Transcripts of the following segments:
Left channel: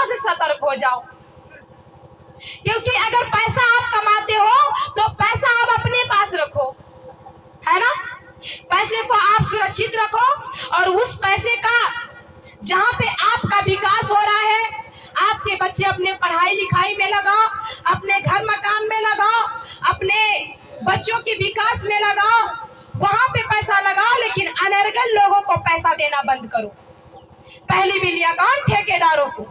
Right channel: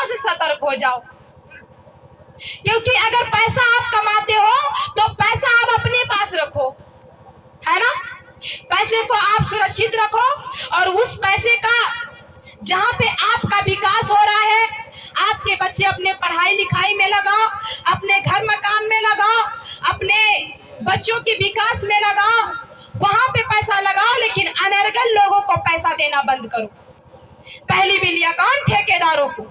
बिल्लियों से सतर्क हो जाओ, क्योंकि अगर पैसा आप कमाते हो तो पैसा आप अपने पास रखो, है ना। पैसे को आप सुरक्षित रखो और उस पैसे का जहां पे आपका विकास हो रहा है, आपके बच्चे अपने पढ़ाई लिखाई में लगाओ, अपने घर मकान में लगाओ, अपने बच्चों के विकास में लगाओ, वहां पे पैसा लगाओ। लेकिन अनर्गल लोगों को पैसा देना बंद करो। पहली बिल्लियां कौन? ठेकेदारों को।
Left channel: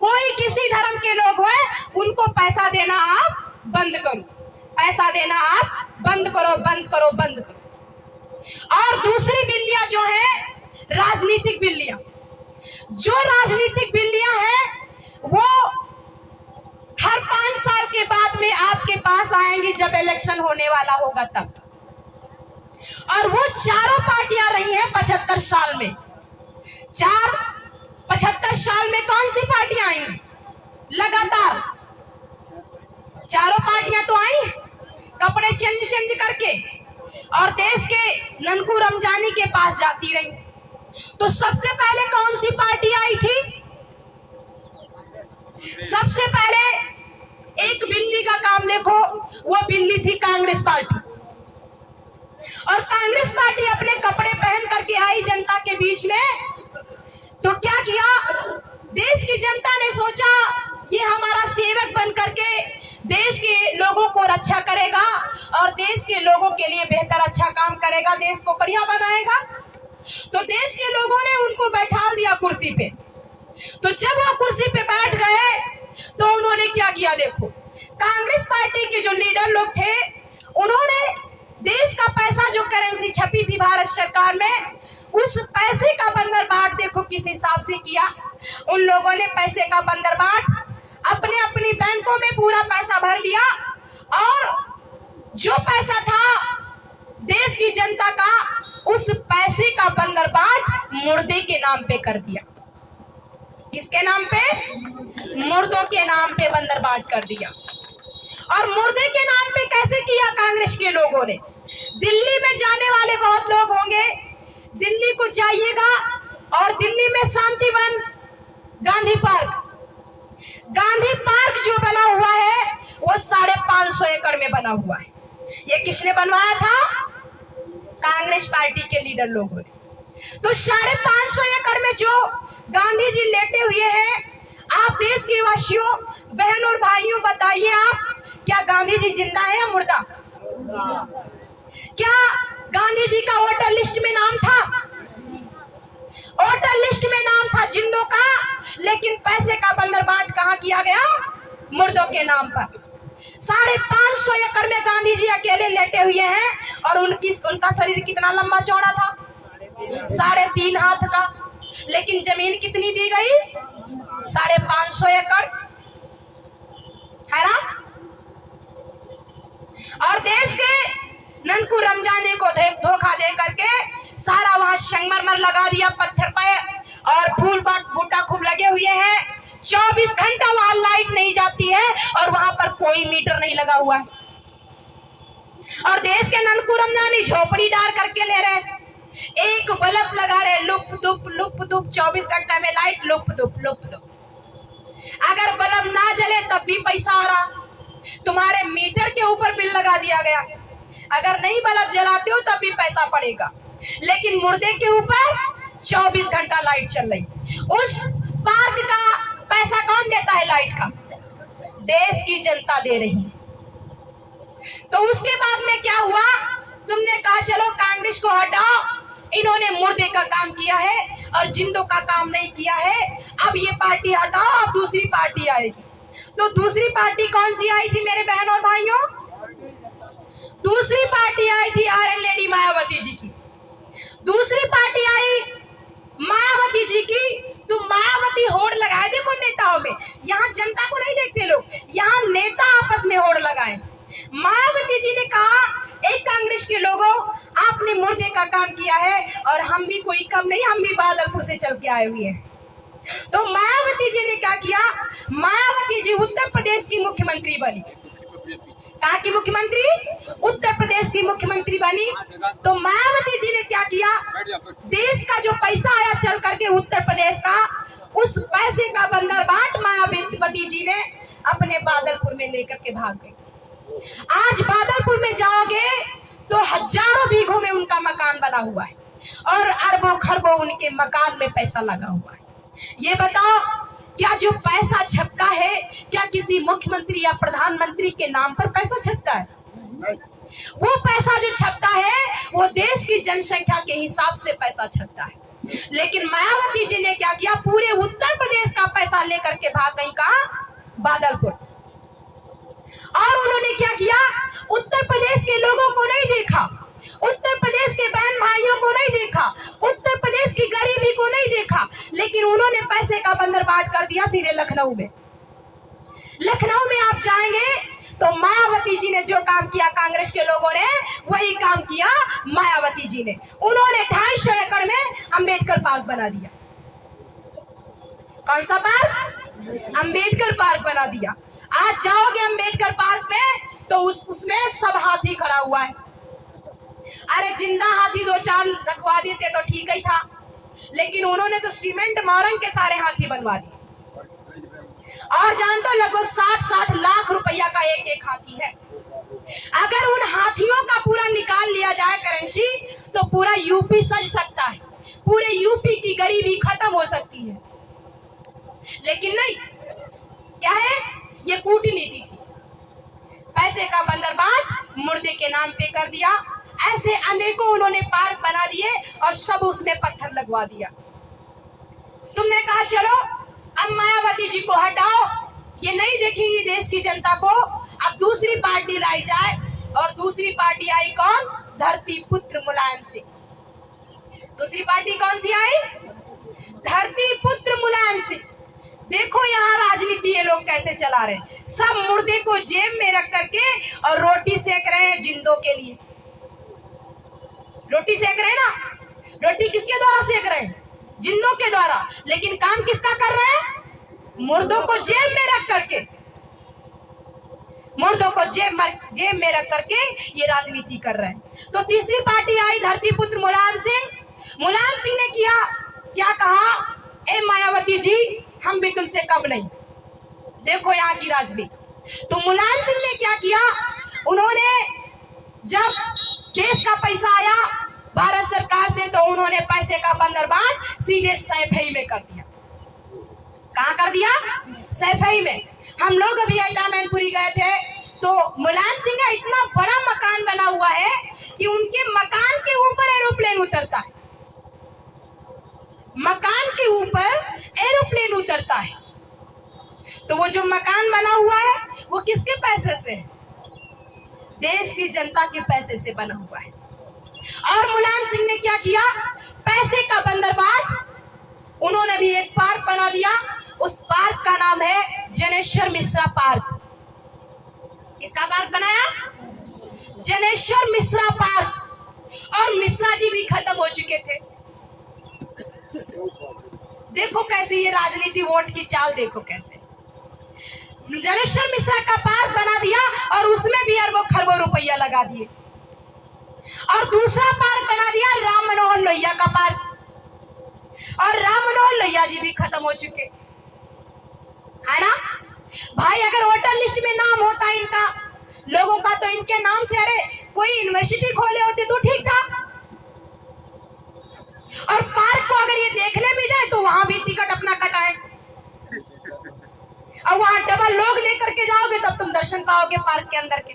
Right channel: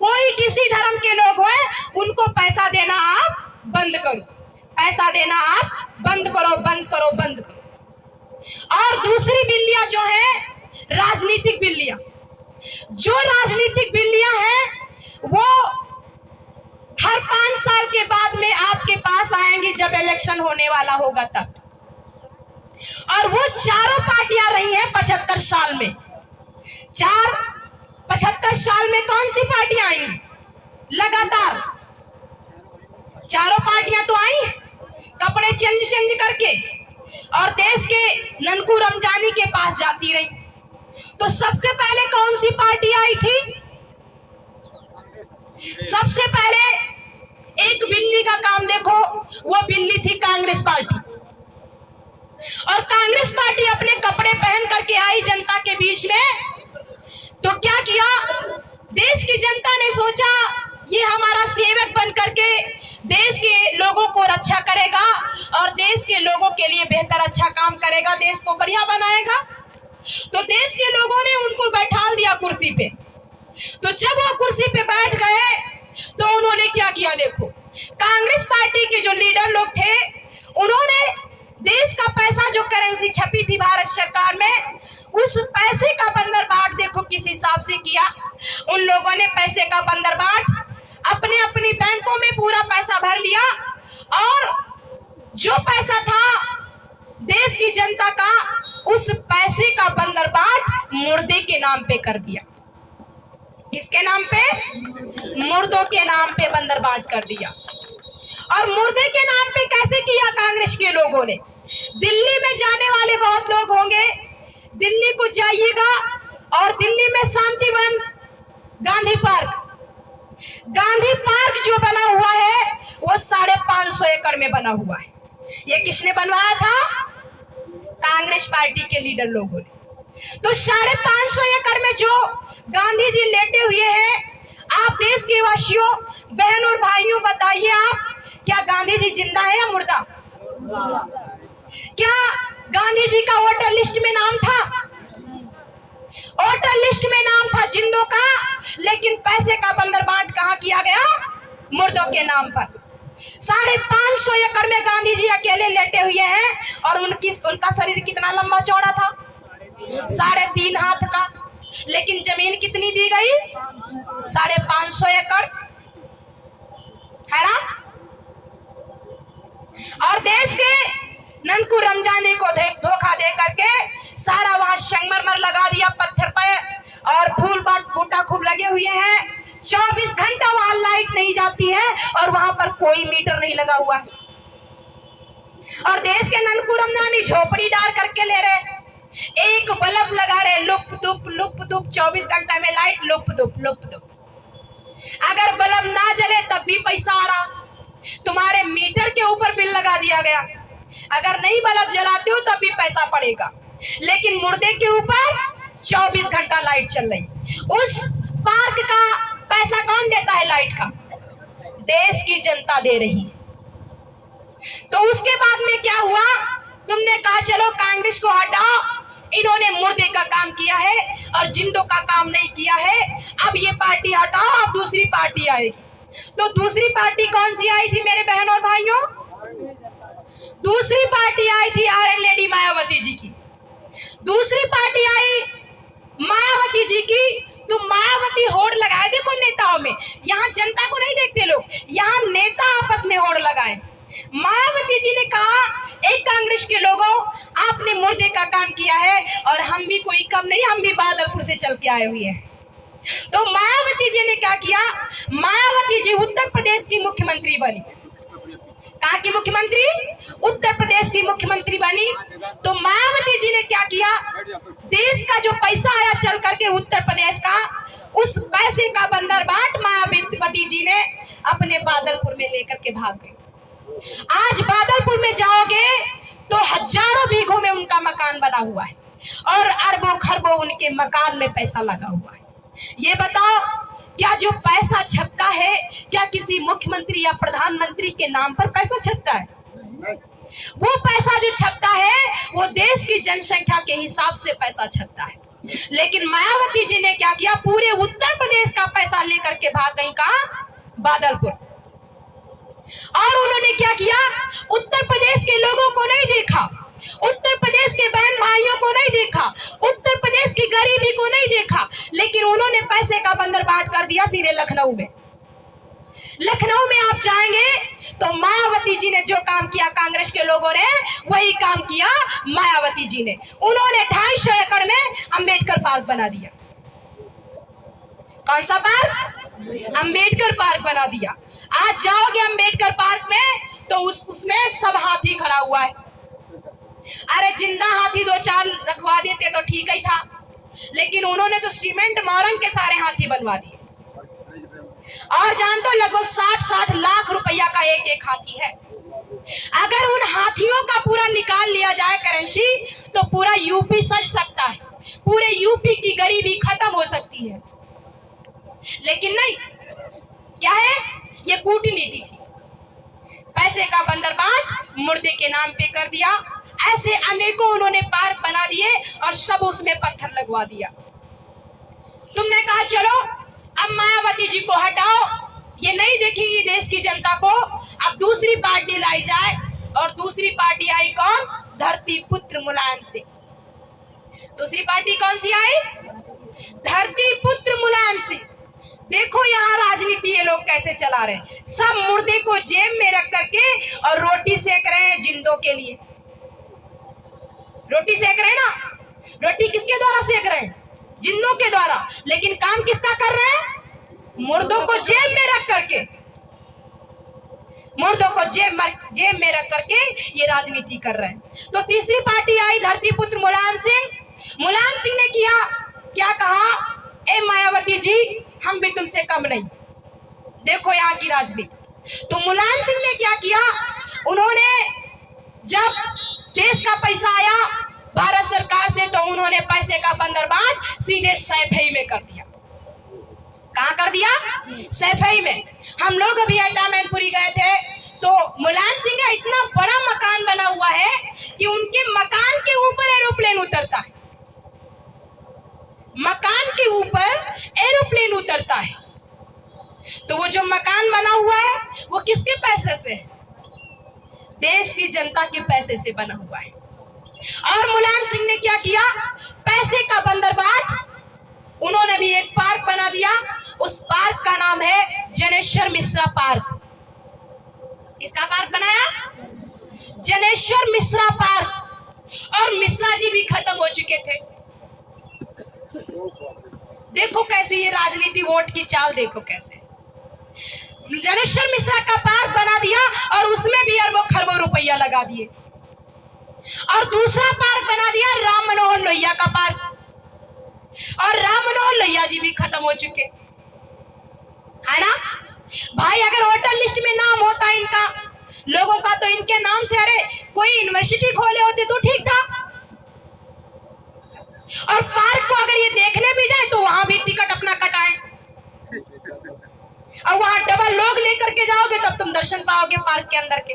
कोई किसी धर्म के लोग हैं, उनको पैसा देना आप बंद करो, पैसा देना आप बंद करो, बंद करो, बंद करो। और दूसरी बिल्लियां जो है राजनीतिक बिल्लियां, जो राजनीतिक बिल्लियां हैं वो हर 5 साल के बाद में आपके पास आएंगी जब इलेक्शन होने वाला होगा तब। और वो चारों पार्टियां रही हैं 75 साल में। 75 साल में कौन सी पार्टियां आई? लगातार चारों पार्टियां तो आई, कपड़े चेंज करके, और देश के ननकू रमजानी के पास जाती रही। तो सबसे पहले कौन सी पार्टी आई थी? सबसे पहले एक बिल्ली का काम देखो, वो बिल्ली थी कांग्रेस पार्टी। और कांग्रेस पार्टी अपने कपड़े पहन करके आई जनता के बीच में, तो क्या किया? देश की जनता ने सोचा ये हमारा सेवक बन करके देश के लोगों को रक्षा करेगा और देश के लोगों के लिए बेहतर अच्छा काम करेगा, देश को बढ़िया बनाएगा। तो देश के लोगों ने उनको बैठा दिया कुर्सी पे। तो जब वो कुर्सी पे बैठ गए तो उन्होंने क्या किया? देखो, कांग्रेस पार्टी के जो लीडर लोग थे, उन्होंने देश का पैसा, जो करेंसी छपी थी भारत सरकार में, उस पैसे का बंदरबाट देखो किस हिसाब से किया। उन लोगों ने पैसे का बंदरबाट अपने अपनी बैंकों में पूरा पैसा भर लिया, और जो पैसा था देश की जनता का, उस पैसे का बंदरबाट मुर्दे के नाम पे कर दिया। किसके नाम पे? मुर्दों के नाम पे बंदरबाट कर दिया। और मुर्दे के नाम पे कैसे किया कांग्रेस के लोगों ने? दिल्ली में जाने वाले बहुत लोग होंगे, दिल्ली को जाइएगा और दिल्ली में शांतिवन, गांधी पार्क जो बना हुआ है वो 550 एकड़ में बना हुआ है। ये किसने बनवाया था? कांग्रेस पार्टी के लीडर लोगों ने। तो 550 एकड़ में जो गांधी जी लेटे हुए हैं, आप देश के वासियों, बहन और भाइयों, बताइए आप, क्या गांधी जी जिंदा है या मुर्दा? क्या गांधी जी का वोटर लिस्ट में नाम था? वोटर लिस्ट में नाम था जिंदों का, लेकिन पैसे का बंदरबाट कहां किया गया? मुर्दों के नाम पर। 550 एकड़ में गांधी जी अकेले लेटे हुए हैं, और उनका शरीर कितना लंबा चौड़ा था? 3.5 हाथ का। लेकिन जमीन कितनी दी गई? 550 एकड़, है ना। और देश के ननकू रमजानी को धोखा दे करके सारा वहां संगमरमर लगा दिया पत्थर पे, और फूल बूटा खूब लगे हुए हैं। 24 घंटा वहां लाइट नहीं जाती है, और वहां पर कोई मीटर नहीं लगा हुआ है। और देश के ननकू रमजानी झोपड़ी डाल करके ले रहे, एक बल्ब लगा रहे, लुप दुप 24 घंटा में लाइट लुप दुप। अगर बल्ब ना जले तब भी पैसा आ रहा, तुम्हारे मीटर के ऊपर बिल लगा दिया गया। अगर नहीं बल्ब जलाते हो तब भी पैसा पड़ेगा, लेकिन मुर्दे के ऊपर 24 घंटा लाइट चल रही। उस पार्क का पैसा कौन देता है? लाइट का देश की जनता दे रही। तो उसके बाद में क्या हुआ? तुमने कहा चलो कांग्रेस को हटाओ, इन्होंने मुर्दे का काम किया है और जिंदों का काम नहीं किया है, अब ये पार्टी हटाओ, अब दूसरी पार्टी आएगी। तो दूसरी पार्टी कौन सी आई थी मेरे बहनों और भाइयों? दूसरी पार्टी आई थी आर्यन लेडी मायावती जी की। दूसरी पार्टी आई मायावती जी की। तो मायावती होड़ लगाए, देखो नेताओं में, यहाँ जनता को नहीं देखते लोग, यहाँ नेता आपस में होड़ लगाए। मायावती जी ने कहा, एक कांग्रेस के लोगों, आपने मुर्दे का काम किया है और हम भी कोई कम नहीं, हम भी बादलपुर से चल के आए हुए हैं। तो मायावती जी ने क्या किया? मायावती जी उत्तर प्रदेश की मुख्यमंत्री बनी। कहाँ की मुख्यमंत्री? उत्तर प्रदेश की मुख्यमंत्री बनी। तो मायावती जी ने क्या किया? देश का जो पैसा आया चल करके उत्तर प्रदेश का, उस पैसे का बंदरबाट मायावती जी ने अपने बादलपुर में लेकर के भाग गई। आज बादलपुर में जाओगे तो हजारों बीघों में उनका मकान बना हुआ है और अरबों खरबों उनके मकान में पैसा लगा हुआ है। ये बताओ, क्या जो पैसा छपता है क्या किसी मुख्यमंत्री या प्रधानमंत्री के नाम पर पैसा छपता है? वो पैसा जो छपता है वो देश की जनसंख्या के हिसाब से पैसा छपता है। लेकिन मायावती जी ने क्या किया, पूरे उत्तर प्रदेश का पैसा लेकर के भाग गई कहां? बादलपुर। और उन्होंने क्या किया, उत्तर प्रदेश के लोगों को नहीं देखा, उत्तर प्रदेश के बहन भाइयों को नहीं देखा, उत्तर प्रदेश की गरीबी को नहीं देखा, लेकिन उन्होंने पैसे का बंदरबाट कर दिया सीधे लखनऊ में। लखनऊ में आप जाएंगे तो मायावती जी ने जो काम किया कांग्रेस के लोगों ने वही काम किया मायावती जी ने। उन्होंने 250 एकड़ में अंबेडकर पार्क बना दिया। कौन सा पार्क? अंबेडकर पार्क बना दिया। आज जाओगे अंबेडकर पार्क में तो उसमें सब हाथी खड़ा हुआ है। अरे जिंदा हाथी 2-4 रखवा देते तो ठीक ही था, लेकिन उन्होंने तो सीमेंट मारंग के सारे हाथी बनवा दिए। और जानते हो लगभग 60-60 लाख रुपया का एक हाथी है। अगर उन हाथियों का पूरा निकाल लिया जाए करेंसी तो पूरा यूपी सज सकता है, पूरे यूपी की गरीबी खत्म हो सकती है। लेकिन नहीं, क्या है, ये कूटनीति थी। पैसे का बंदरबाट मुर्दे के नाम पे कर दिया। ऐसे अनेकों उन्होंने पार्क बना दिए और सब उसमें पत्थर लगवा दिया। तुमने कहा चलो अब मायावती जी को हटाओ, ये नहीं देखेंगी देश की जनता को, अब दूसरी पार्टी लाई जाए। और दूसरी पार्टी आई कौन? धरती पुत्र मुलायम सिंह। दूसरी पार्टी कौन सी आई? धरती पुत्र मुलायम सिंह। देखो यहाँ राजनीति ये लोग कैसे चला रहे हैं, सब मुर्दे को जेब में रख करके और रोटी सेक रहे हैं जिंदों के लिए। रोटी सेक रहे हैं ना, रोटी किसके द्वारा सेक रहे हैं? जिंदों के द्वारा। लेकिन काम किसका कर रहे हैं? मुर्दों को जेब में रख करके, मुर्दों को जेब में रख करके ये राजनीति कर रहे हैं। तो तीसरी पार्टी आई धरती पुत्र मुलायम सिंह। मुलायम सिंह ने किया क्या, कहा ए मायावती जी हम भी तुमसे कम नहीं। देखो यहाँ की राजनीति। तो मुलायम सिंह ने क्या किया, उन्होंने जब देश का पैसा आया भारत सरकार से तो उन्होंने पैसे का बंदरबाट सीधे सैफई में कर दिया। कहाँ कर दिया? सैफई में। हम लोग अभी मैनपुरी गए थे तो मुलायम सिंह का इतना बड़ा मकान बना हुआ है कि उनके मकान के ऊपर एरोप्लेन उतरता है, मकान के ऊपर एरोप्लेन उतरता है। तो वो जो मकान बना हुआ है वो किसके पैसे से है? देश की जनता के पैसे से बना हुआ है। और मुलायम सिंह ने क्या किया, पैसे का बंदरबाट, उन्होंने भी एक पार्क बना दिया। उस पार्क का नाम है जनेश्वर मिश्रा पार्क। इसका पार्क बनाया जनेश्वर मिश्रा पार्क। और मिश्रा जी भी खत्म हो चुके थे। देखो कैसे ये राजनीति, वोट की चाल देखो कैसे। जनेश्वर मिश्रा का पार्क बना दिया और उसमें भी अरबों खरबों रुपया लगा दिए। और दूसरा पार्क बना दिया राम मनोहर लोहिया का पार्क। और राम मनोहर लोहिया जी भी खत्म हो चुके है ना भाई। अगर वोटर लिस्ट में नाम होता इनका लोगों का तो इनके नाम से अरे कोई यूनिवर्सिटी खोले होते तो ठीक था। और पार्क को अगर ये देखने भी जाए तो वहां भी टिकट अपना कटाए और वहां डबल लोग लेकर के जाओगे तब तुम दर्शन पाओगे पार्क के अंदर के।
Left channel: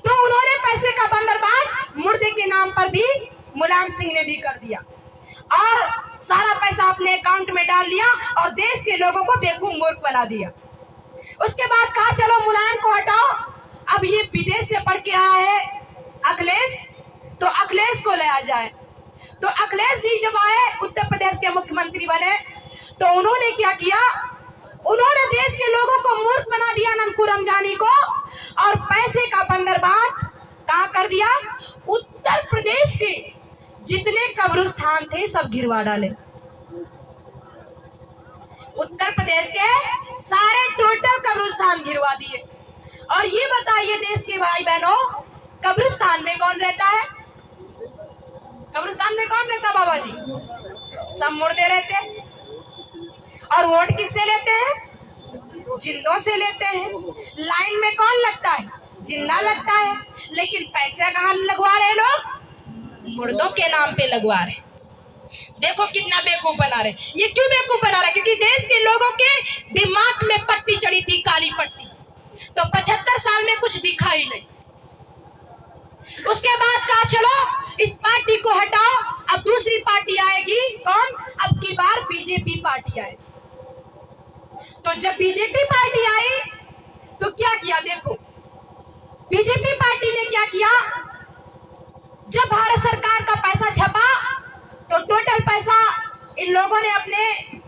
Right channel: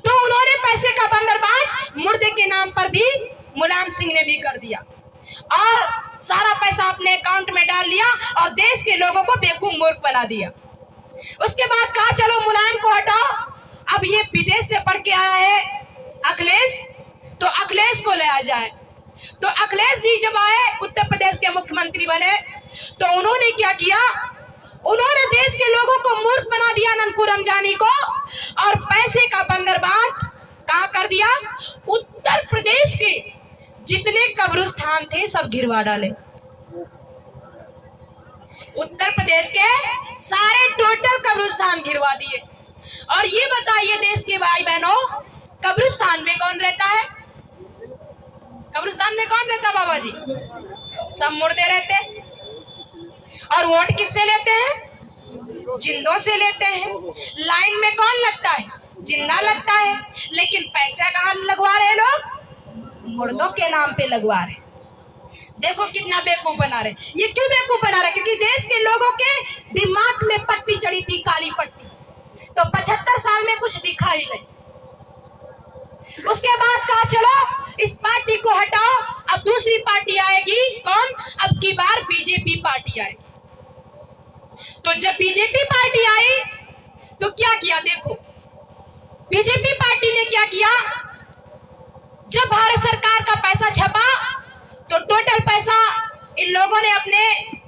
तो उन्होंने पैसे का बंदरबाट मुर्दे के नाम पर भी मुलायम सिंह ने भी कर दिया और सारा पैसा अपने अकाउंट में डाल लिया और देश के लोगों को बेवकूफ मूर्ख बना दिया। उसके बाद कहा चलो मुलायम को हटाओ, अब ये विदेश से पढ़ के आया है अखिलेश, तो अखिलेश को लाया जाए। तो अखिलेश जी जब आए उत्तर प्रदेश के मुख्यमंत्री बने तो उन्होंने क्या किया, उन्होंने देश के लोगों को मूर्ख बना दिया ननकू रमजानी को और पैसे का बंदरबाट कहां कर दिया, उत्तर प्रदेश के जितने कब्रिस्तान थे सब गिरवा डाले। उत्तर प्रदेश के सारे टोटल कब्रिस्तान गिरवा दिए। और ये बताइए देश के भाई बहनों, कब्रिस्तान में कौन रहता है? कब्रिस्तान में कौन रहता बाबा जी? सब मुर्दे रहते वोट किससे लेते हैं? जिंदों से लेते हैं। लाइन में कौन लगता है? जिंदा लगता है। लेकिन पैसा कहाँ लगवा रहे लोग? मुर्दों के नाम पे लगवा रहे। देखो कितना बेवकूफ बना रहे। ये क्यों बेवकूफ बना रहे? क्योंकि देश के लोगों के दिमाग में पट्टी चढ़ी थी, काली पट्टी। तो 75 साल में कुछ दिखा ही नहीं। उसके बाद कहा चलो इस पार्टी को हटाओ, अब दूसरी पार्टी आएगी। कौन? अब की बार बीजेपी पार्टी आएगी। तो जब बीजेपी पार्टी आई तो क्या किया? देखो बीजेपी पार्टी ने क्या किया। जब भारत सरकार का पैसा छपा तो टोटल पैसा इन लोगों ने अपने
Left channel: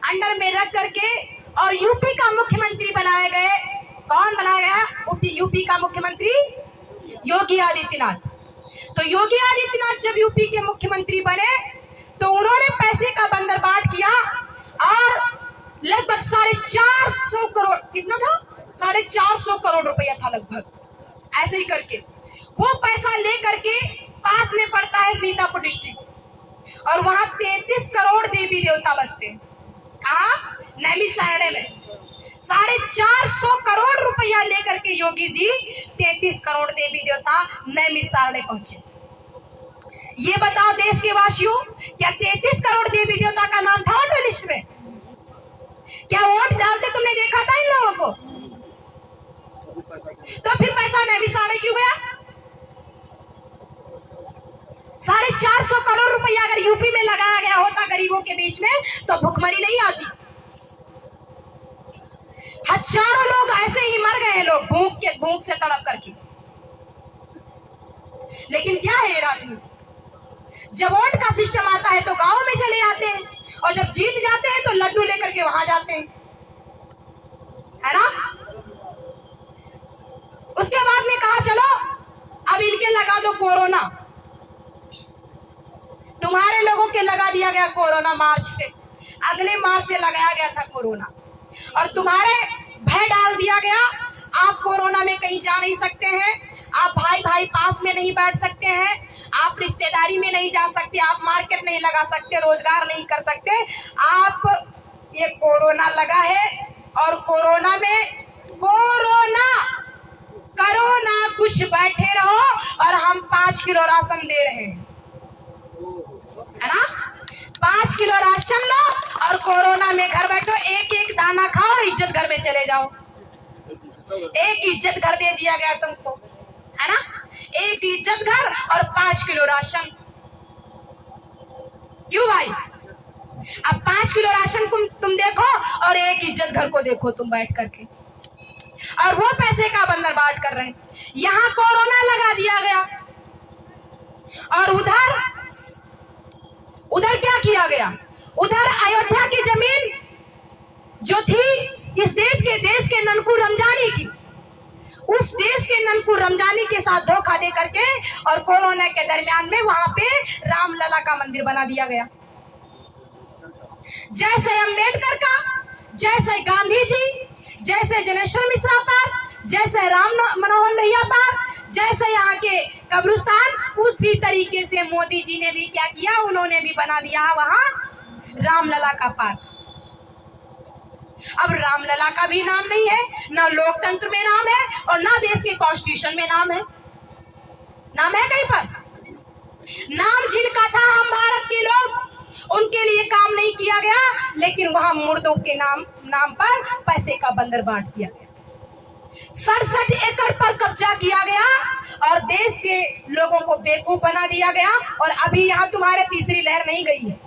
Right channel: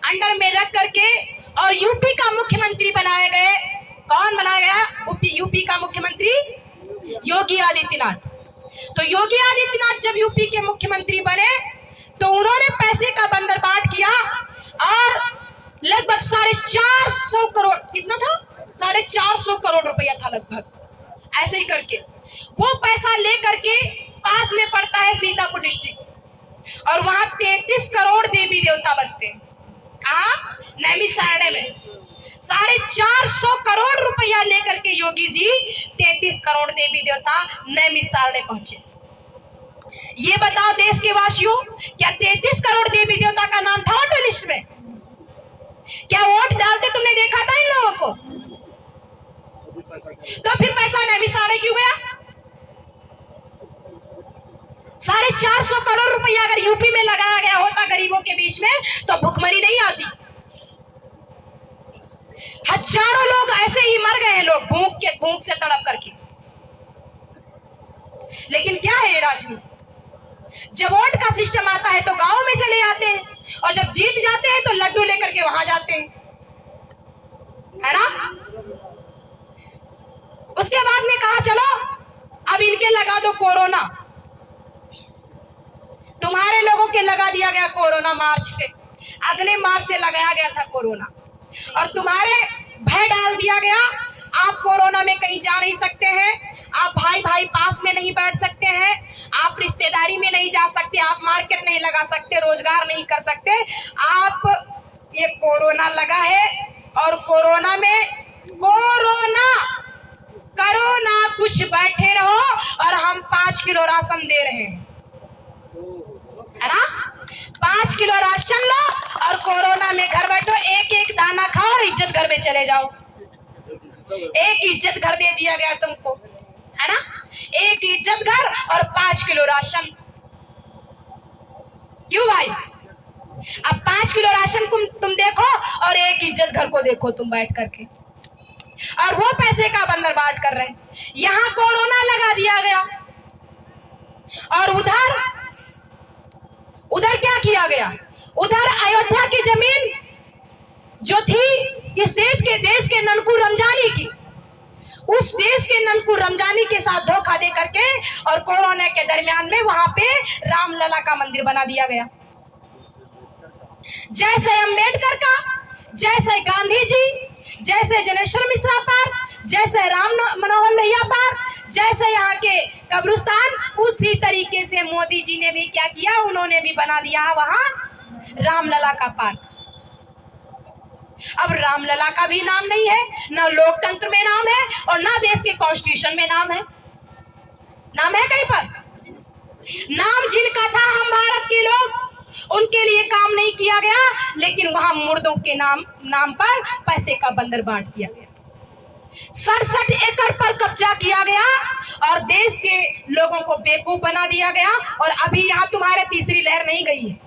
अंडर में रख करके और यूपी का मुख्यमंत्री बनाए गए। कौन बनाया गया? यूपी का मुख्यमंत्री योगी आदित्यनाथ। तो योगी आदित्यनाथ जब यूपी के मुख्यमंत्री बने तो उन्होंने पैसे का बंदरबाट किया और लगभग 450 करोड़, कितना था? 450 करोड़ रुपया था लगभग। ऐसे ही करके वो पैसा लेकर के पास में पड़ता है सीतापुर डिस्ट्रिक्ट और वहां 33 करोड़ देवी देवता बसते हैं। कहा? नैमिषारण्य में। 450 करोड़ रुपया लेकर के योगी जी 33 करोड़ देवी देवता नैमिषारण्य पहुंचे। ये बताओ देश के वासियों, क्या 33 करोड़ देवी देवता का नाम था वोटर लिस्ट में? क्या वोट डालते तुमने देखा था इन लोगों को? तो फिर पैसा नैमिषारण्य क्यों गया? 450 करोड़ रुपया अगर यूपी में लगाया गया होता गरीबों के बीच में तो भुखमरी नहीं आती। हजारों लोग ऐसे ही मर गए हैं, लोग भूख से तड़प करके। लेकिन क्या है ये राजनीति? जब वोट का सिस्टम आता है तो गांव में चले जाते हैं और जब जीत जाते हैं तो लड्डू लेकर के वहां जाते हैं, है ना? उसके बाद में कहा चलो अब इनके लगा दो कोरोना। तुम्हारे लोगों के लगा दिया गया कोरोना मार्च से, अगले मार्च से लगाया गया था कोरोना और तुम्हारे भय डाल दिया गया। आप कोरोना में कहीं जा नहीं सकते हैं, आप भाई भाई पास में नहीं बैठ सकते हैं, आप रिश्तेदारी में नहीं जा सकते, आप मार्केट नहीं लगा सकते, रोजगार नहीं कर सकते। आप ये कोरोना लगा है और कोरोना में कोरोना कुछ बैठे रहो और हम 5 किलो राशन दे रहे हैं, है ना? 5 किलो राशन लो और कोरोना में घर बैठो, एक एक दाना खाओ और इज्जत घर में चले जाओ। एक इज्जत घर दे दिया गया तुमको, है ना? एक इज्जत घर और 5 किलो राशन। क्यों भाई? अब 5 किलो राशन तुम देखो और एक इज्जत घर को देखो तुम बैठ करके, और वो पैसे का बंदरबाट कर रहे हैं। यहाँ कोरोना लगा दिया गया और उधर क्या किया गया? उधर अयोध्या की जमीन जो थी इस देश के ननकू रमजानी की, उस देश के ननकू रमजानी के साथ धोखा दे करके और कोरोना के दरमियान में वहां पे रामलला का मंदिर बना दिया गया। जैसे अम्बेडकर का, जैसे गांधी जी, जैसे जनेश्वर मिश्रा पर, जैसे राम मनोहर लोहिया पर, जैसे यहाँ के कब्रिस्तान, उसी तरीके से मोदी जी ने भी क्या किया? उन्होंने भी बना दिया वहां रामलला का पार्क। अब रामलला का भी नाम नहीं है, ना लोकतंत्र में नाम है और ना देश के कॉन्स्टिट्यूशन में नाम है। नाम है कहीं पर? नाम जिनका था हम भारत के लोग, उनके लिए काम नहीं किया गया, लेकिन वहां मुर्दों के नाम पर पैसे का बंदरबाट किया गया। 67 एकड़ पर कब्जा किया गया और देश के लोगों को बेवकूफ बना दिया गया। और अभी यहाँ तुम्हारे तीसरी लहर नहीं गई है,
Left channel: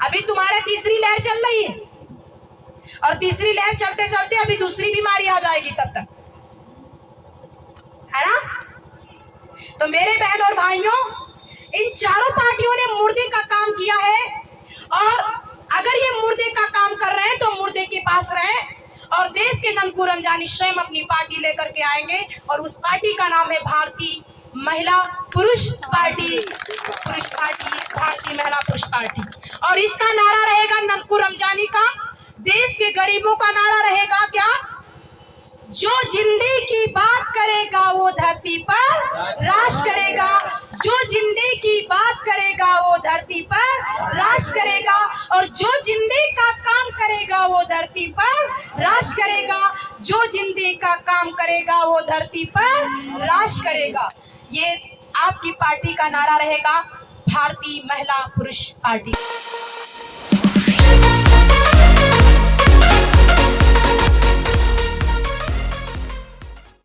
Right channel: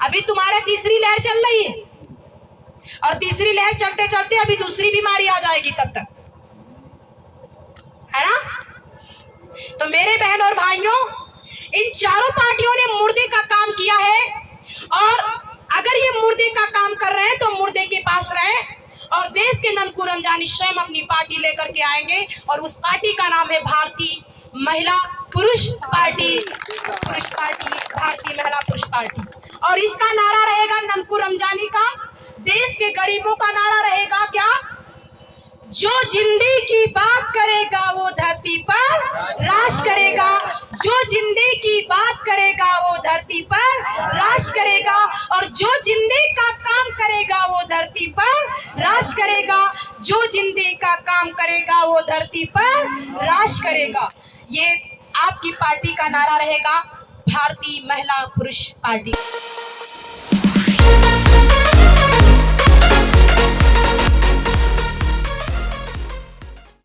अभी तुम्हारे तीसरी लहर चल रही है और तीसरी लहर चलते चलते अभी दूसरी बीमारी आ जाएगी तब तक, है ना? तो मेरे बहन और भाइयों, इन चारों पार्टियों ने मुर्दे का काम किया है और अगर ये मुर्दे का काम कर रहे हैं तो मुर्दे के पास रहे और देश के ननकू रमजानी स्वयं अपनी पार्टी लेकर के आएंगे और उस पार्टी का नाम है भारतीय महिला पुरुष पार्टी, भारतीय महिला पुरुष पार्टी। और इसका नारा रहेगा ननकू रमजानी का, देश के गरीबों का नारा रहेगा क्या? जो जिंदगी की बात करेगा वो धरती पर राज करेगा, जो जिंदगी की बात करेगा वो धरती पर राज करेगा और जो जिंदगी का काम करेगा वो धरती राज करेगा, जो जिंदगी का काम करेगा वो धरती पर राज करेगा। ये आपकी पार्टी का नारा रहेगा, भारतीय महिला पुरुष पार्टी।